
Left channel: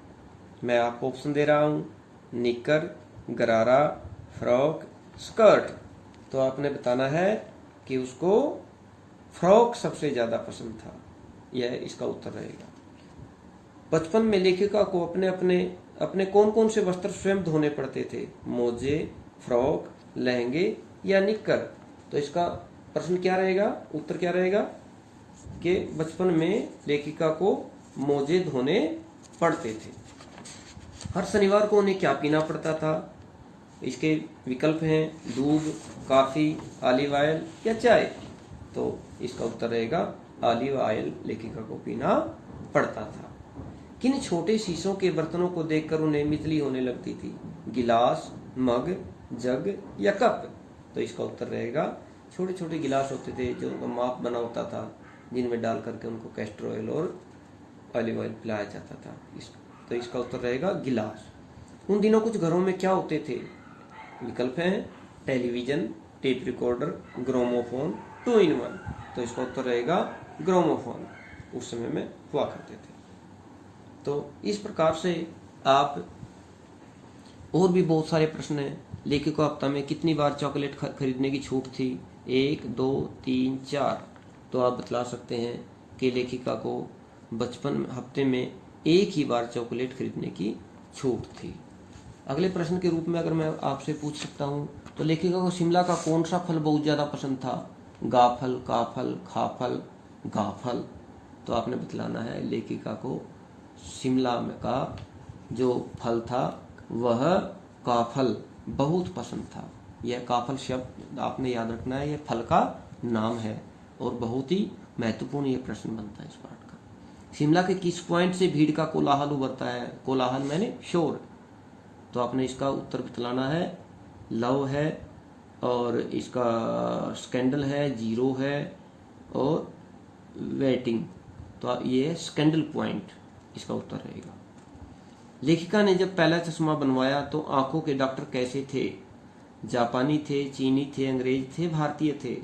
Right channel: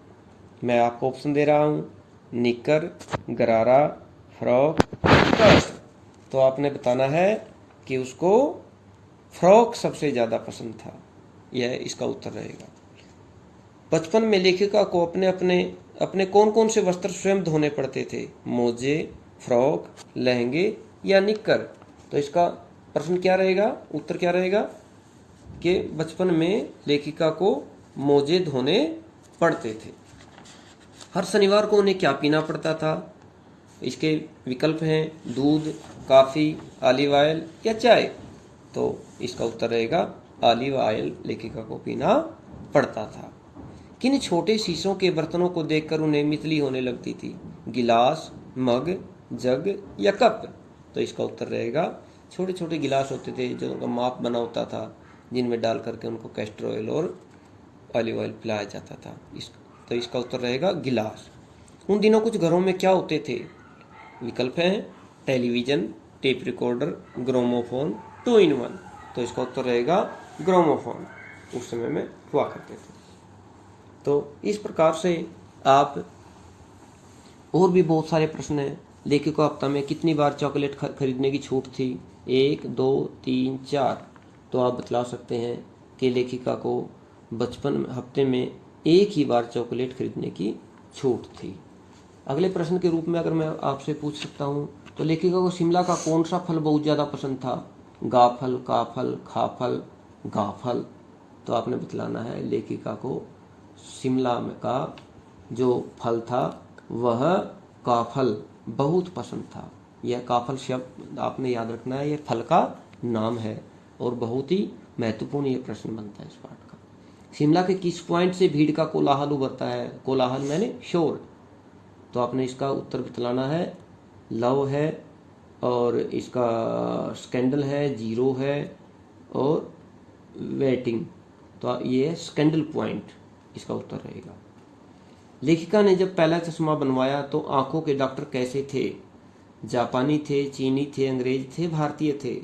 मैं आपको ऑप्शन दे रहा हूँ, निक्कर, गरारा, फ्रॉक, स्कर्ट। तो आपने बताना है कि उसको फ्रॉक सबसे ज़्यादा पसंद था। यह इसका उत्तर रहेगा। बचपन में लेखिका को अपने कौन कौन से वस्त्र स्वयं धोने पड़ते थे, मोजे, फ्रॉक, लहंगे या निक्कर। तो इसका प्रश्न क्या रहेगा, उत्तर क्या रहेगा कि बचपन में लेखिका को मोजे धोने पड़ते थे। हर शनिवार को उन्हें क्या पीना पड़ता था। इसके विकल्प हैं दूध, कॉफ़ी, ऑलिव ऑयल या चाय। तो इसका उत्तर रहेगा ऑलिव ऑयल लेखिका को पीना पड़ता था। किन छोटे शीशों के बर्तनों को देखकर उन्हें मितली होने लगती थी, गिलास, मग, जग या कप। तो इसका उत्तर रहेगा छोटे छोटे गिलास होते थे जो उनका माप बना होता था, जिनमें डाल करके उनको कैस्टर ऑयल और ऑलिव ऑयल पिलाया जाता था। तो इसका उत्तर रहेगा गिलास। उन दिनों कुछ घरों में क्या होते थे। विकल्प हैं television, tape recorder, gramophone, 2 in 1। तो इसका उत्तर रहेगा ग्रामोफोन, उस समय में हुआ करते थे। तो इस प्रकार से आप और भी बहुत सारे प्रश्न हैं। लेखिका हफ्ता में कितनी बार चॉकलेट खरीदने की छूट थी, 1, 2, 3, 4। तो आप बतला सकते हैं कि लेखिका को बचपन हफ्ते में एक ही बार चॉकलेट खरीदने की छूट थी। अगले प्रश्न के रूप में अगर मैं आपसे पूछ सकता हूँ तो लेखिका को शिमला का कौन सा फल बहुत ज़्यादा पसंद था, गाफल, काफल, खाफल, गाफल। तो आपने बतलाना है लेखिका को शिमला का जो फल था वह काफल बहुत पसंद था। यह काफल शब्द आपने याद रखना है, यह फल का नाम है और बहुत ही महत्वपूर्ण ये प्रश्न बनता है इस पाठ का। शिमला के किस पॉइंट से भीड़ का कोलाहल उभरता है, कोलाहल मैंने शोर। तो आपने इसका उत्तर बतलाना है, लव है और इसका स्कैंडल है, जीरो है और वेटिंग। तो ये स्कैंडल पॉइंट। इसका उत्तर रहेगा। लेखिका ने जब पहला चश्मा बनवाया तो आंखों के डॉक्टर कैसे थे? जापानी थे, चीनी थे, अंग्रेज थे, भारतीय थे?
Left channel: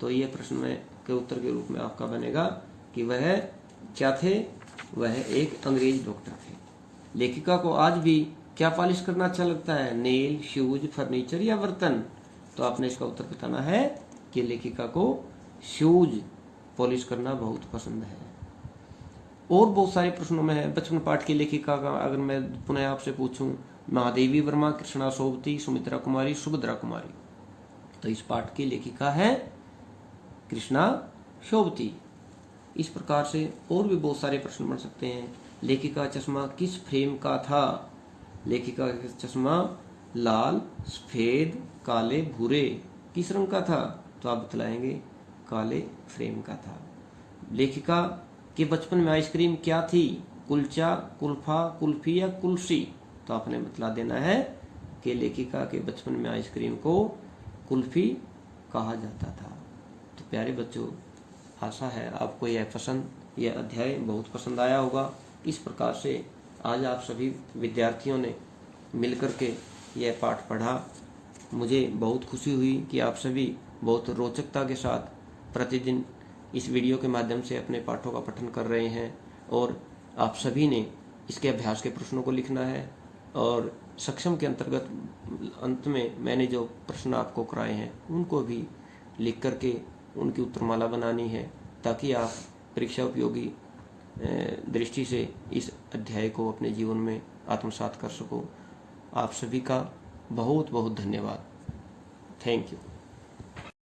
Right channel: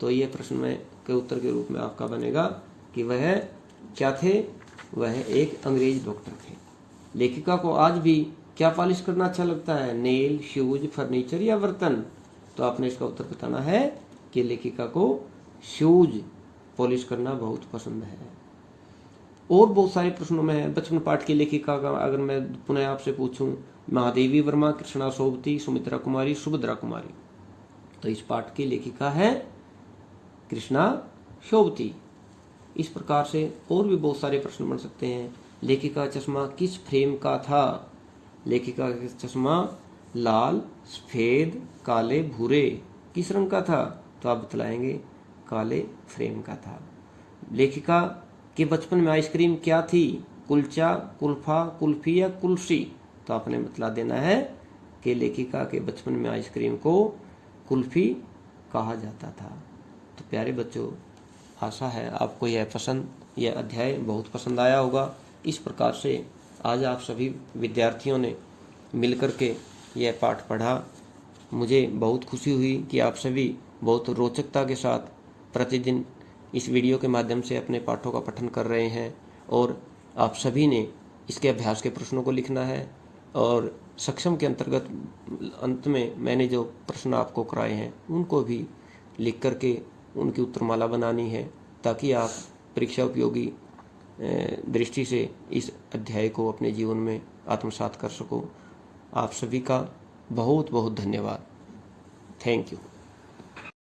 तो ये प्रश्न में के उत्तर के रूप में आपका बनेगा कि वह क्या थे? वह एक अंग्रेज डॉक्टर थे। लेखिका को आज भी क्या पॉलिश करना अच्छा लगता है? नेल, शूज, फर्नीचर या बर्तन? तो आपने इसका उत्तर बताना है कि लेखिका को शूज पॉलिश करना बहुत पसंद है। और बहुत सारे प्रश्नों में है। बचपन पाठ की लेखिका का अगर मैं पुनः आपसे पूछूं, महादेवी वर्मा, कृष्णा सोबती, सुमित्रा कुमारी, सुभद्रा कुमारी, तो इस पाठ की लेखिका है कृष्णा सोबती। इस प्रकार से और भी बहुत सारे प्रश्न बन सकते हैं। लेखिका का चश्मा किस फ्रेम का था? लेखिका का चश्मा लाल, सफेद, काले, भूरे किस रंग का था? तो आप बतलाएंगे काले फ्रेम का था। लेखिका के बचपन में आइसक्रीम क्या थी? कुलचा, कुल्फा, कुल्फी या कुल्फी? तो आपने बतला देना है कि लेखिका के बचपन में आइसक्रीम को कुल्फी कहा जाता था। तो प्यारे बच्चों, आशा है आपको यह अध्याय बहुत पसंद आया होगा। इस प्रकार से आज आप सभी विद्यार्थियों ने मिलकर के यह पाठ पढ़ा। मुझे बहुत खुशी हुई कि आप सभी बहुत रोचकता के साथ प्रतिदिन इस वीडियो के माध्यम से अपने पाठों का पठन कर रहे हैं और आप सभी ने इसके अभ्यास के प्रश्नों को लिखना है और सक्षम के अंतर्गत अंत में मैंने जो प्रश्न आपको कराए हैं उनको भी लिख करके उनकी उत्तरमाला बनानी है, ताकि आप परीक्षा उपयोगी दृष्टि से इस अध्याय को अपने जीवन में आत्मसात कर सको। आप सभी का बहुत बहुत धन्यवाद। Thank you.